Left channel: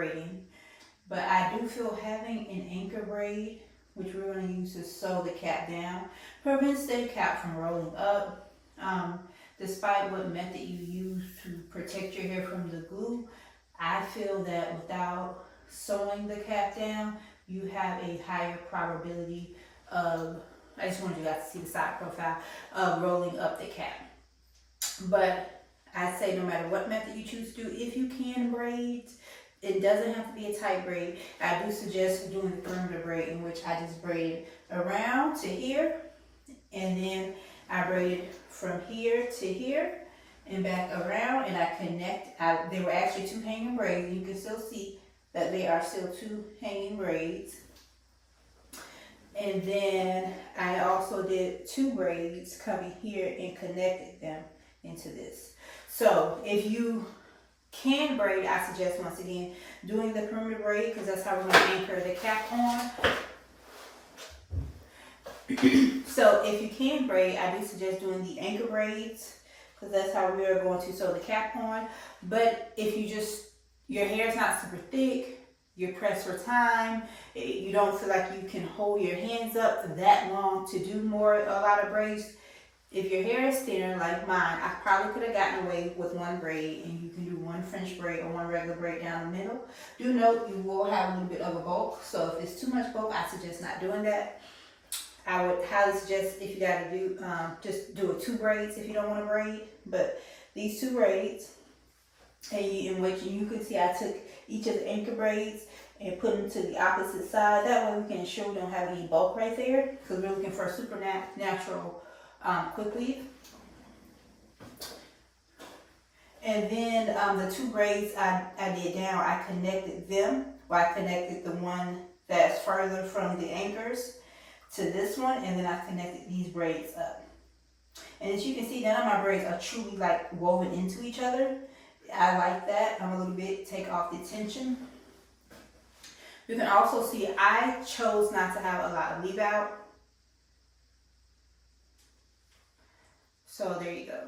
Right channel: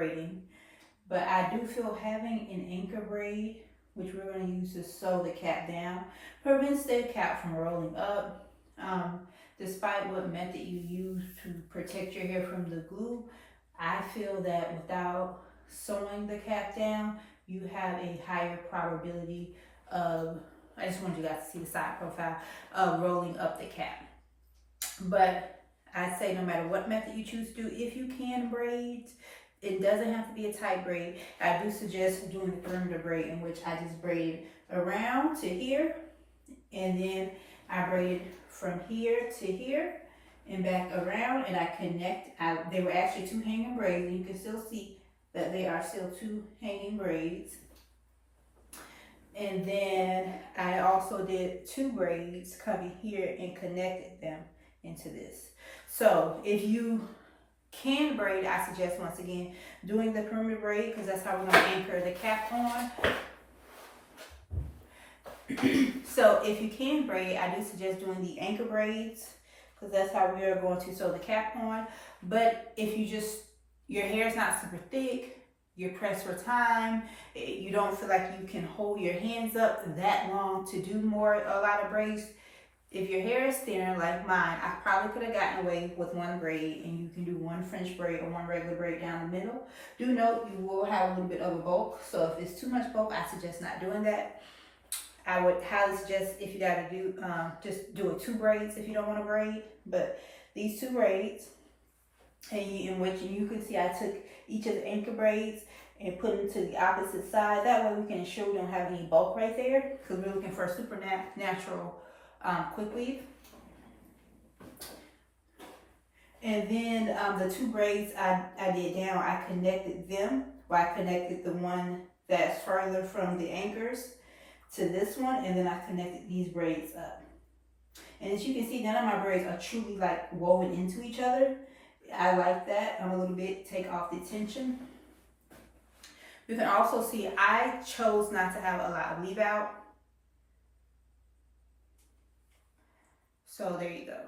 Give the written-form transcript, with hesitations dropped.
braiding. But I do feel having an anchor braid, which we're going to use to sew the cap down, prevents the cap from rolling up. Despite what method you use to protect your hair from the glue, I feel that without sewing the cap down, you have a higher probability of, I just wanted you guys to see the side profile, of rolling up the cap. But I say no matter what method you choose to do, if you can braid, it doesn't have to be a tight braid. I do suggest doing the perimeter braid, in which I just braid around to here, and then I braid from here to here and back around, and I connect. There were actually two hanging braids, and you can still see that they are still two hanging braids. And then I also did two braids coming here and connected them into this. So if you can braid, I suggest once again doing the perimeter braid, because that's how we're going to anchor the cap on. So if you can braid, I do suggest doing the anchor braids, because that's how we are going to sew the cap on. But if your hair is not super thick, you're pressed for time, you don't feel like you can hold your hands up that long to do a lot of braids. If your hair is thinner like mine, I probably could have gotten away with one braid, and you can do one French braid or one regular braid down the middle. Do note you will have a little bit of a bulk, so if it's too much bulk, I suggest not doing that. I would highly suggest, if you gotta do, just do two braids if you don't want to braid. But these two braids, in which you can see I took each of the anchor braids and put them to the opposite side. That way we can ensure we don't have any bulk right there, because we're looking for a super natural quick weave. And then the two braids I did down, I connected them. Well, I connected the one that's further from the anchors to this one, and then I connected these braids up. And as you can see, none of my braids are truly like woven into each other. I like that. I'm a little bit take off the tension. You can also see I chose not to have a lot of leave out. So there you go.